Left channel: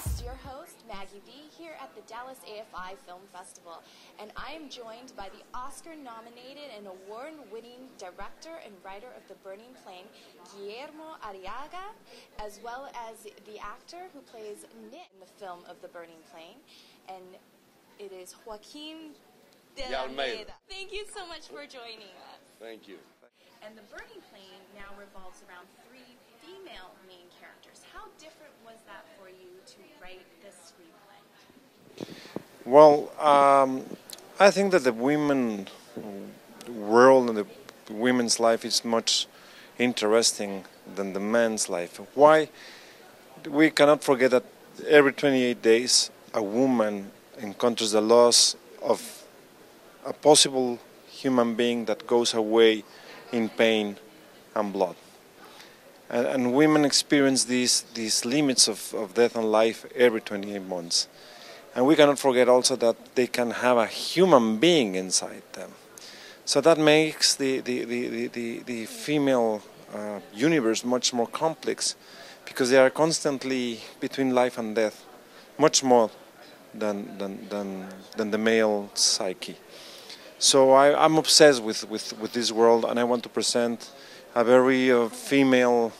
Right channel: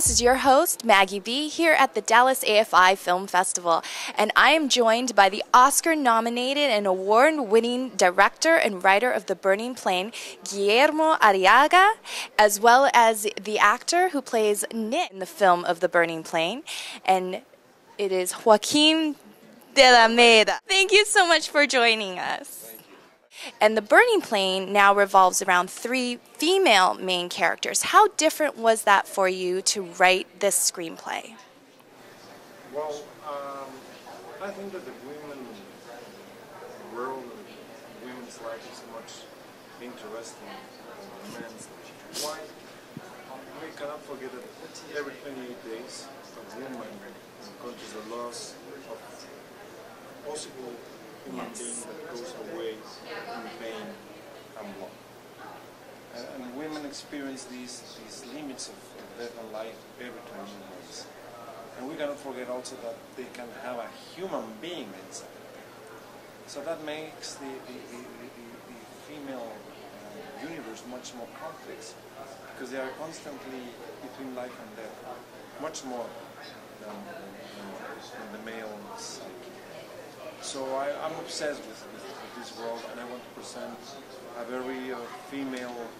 This is your host, Maggie B, here at the Dallas AFI Film Festival, and I am joined by the Oscar-nominated and award-winning director and writer of The Burning Plain, Guillermo Arriaga, as well as the actor who plays Nick in the film of The Burning Plain, and it is Joaquin de la Meda. Thank you so much for joining us. And The Burning Plain now revolves around 3 female main characters. How different was that for you to write this screenplay? Well, I think that the women world and the women's life is much interesting than the man's life. Why? We cannot forget that every 28 days a woman encounters the loss of a possible human being that goes away in pain and blood. And women experience these limits of death and life every 28 months. And we cannot forget also that they can have a human being inside them. So that makes the female universe much more complex, because they are constantly between life and death, much more than the male psyche. So I'm obsessed with this world, and I want to present a very female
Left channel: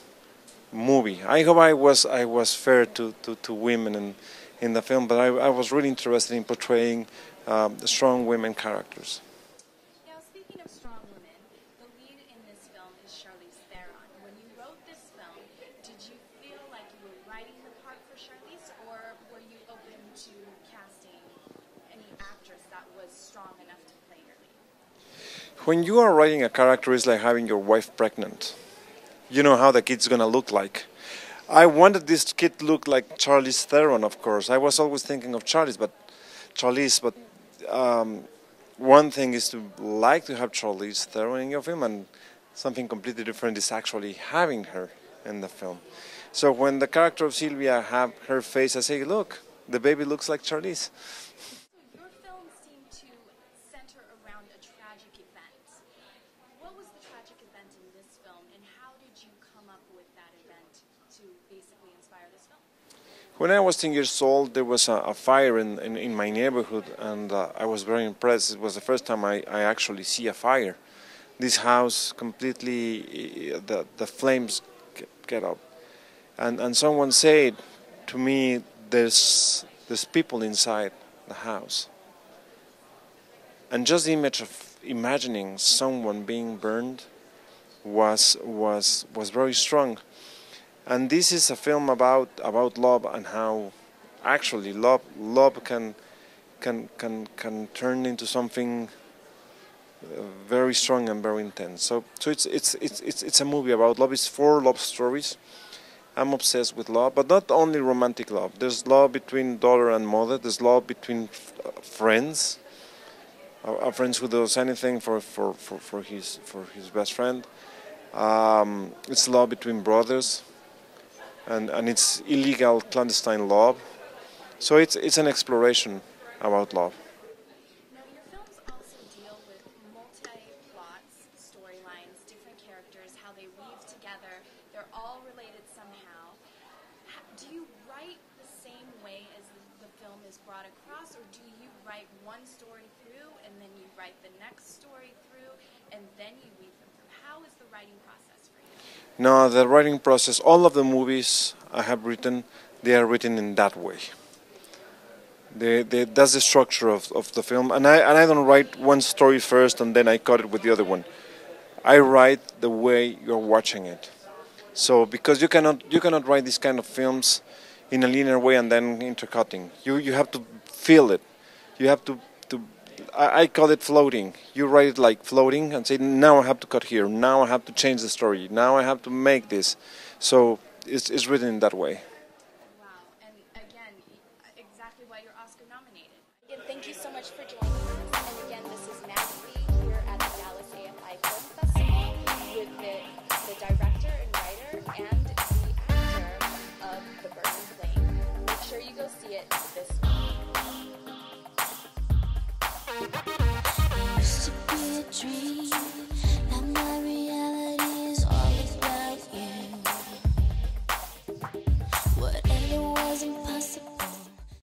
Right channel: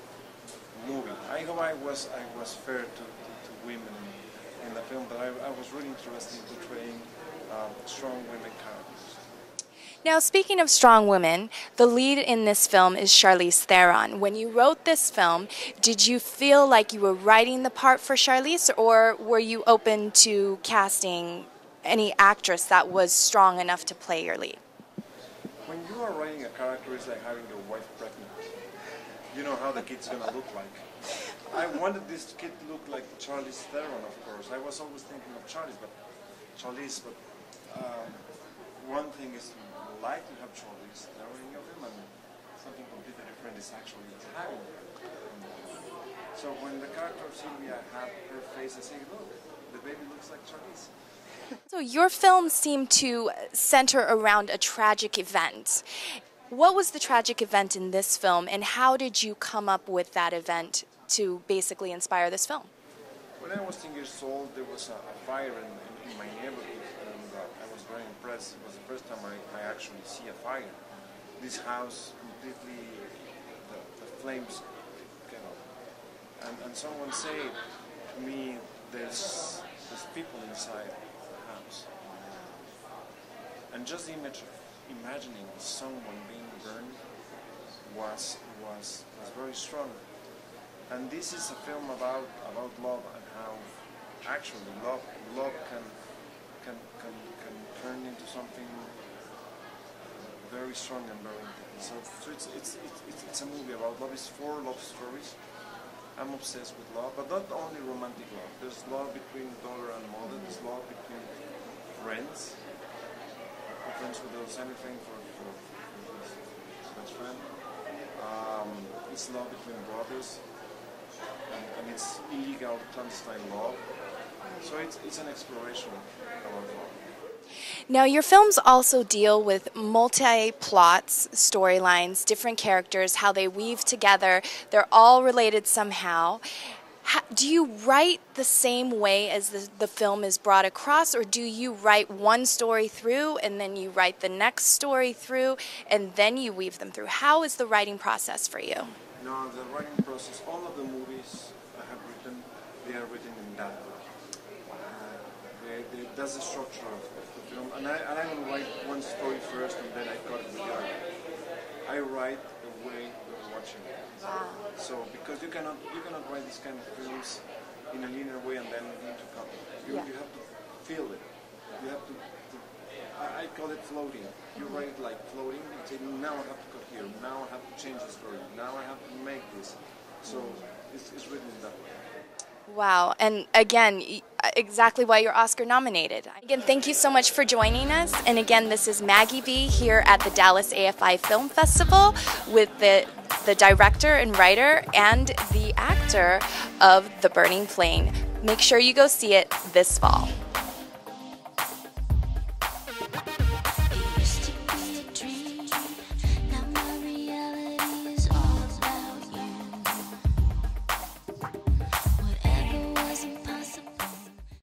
movie. I hope I was fair to women in the film, but I was really interested in portraying strong women characters. Now, speaking of strong women, the lead in this film is Charlize Theron. When you wrote this film, did you feel like you were writing the part for Charlize, or were you open to casting any actress that was strong enough to play your lead? When you are writing a character, it's like having your wife pregnant. You know how the kid's gonna look like. I wanted this kid to look like Charlize Theron, of course. I was always thinking of Charlize, but one thing is to like to have Charlize Theron in your film, and something completely different is actually having her in the film. So when the character of Sylvia have her face, I say, look, the baby looks like Charlize. So your films seem to center around a tragic event. What was the tragic event in this film, and how did you come up with that event to basically inspire this film? When I was 10 years old, there was a fire in my neighborhood, and I was very impressed. It was the first time I actually see a fire. This house completely, the flames get up. And someone said to me, there's people inside the house. And just the image of imagining someone being burned was very strong. And this is a film about love, and how actually love can turn into something very strong and very intense. So it's a movie about love. It's 4 love stories. I'm obsessed with love, but not only romantic love. There's love between daughter and mother. There's love between friends. A friend who does anything for his best friend. It's love between brothers, and it's illegal clandestine love. So it's an exploration about love. Now, your films also deal with multi-plots, storylines, different characters, how they weave together. They're all related somehow. Do you write the same way as the film is brought across, or do you write one story through and then you write the next story through and then you weave them through? How is the writing process for you? No, the writing process, all of the movies I have written, they are written in that way. That's the structure of the film, and I don't write one story first and then I cut it with the other one. I write the way you're watching it. So because you cannot write these kind of films in a linear way and then intercutting. You have to feel it. You have to I call it floating. You write it like floating and say, now I have to cut here. Now I have to change the story. Now I have to make this. So it's written in that way. Wow, and again, exactly why you're Oscar nominated. Again, thank you so much for joining us. And again, this is Maggie B here at the Dallas AFI Film Festival with the director and writer and the actor of The Burning Plain. Make sure you go see it this fall.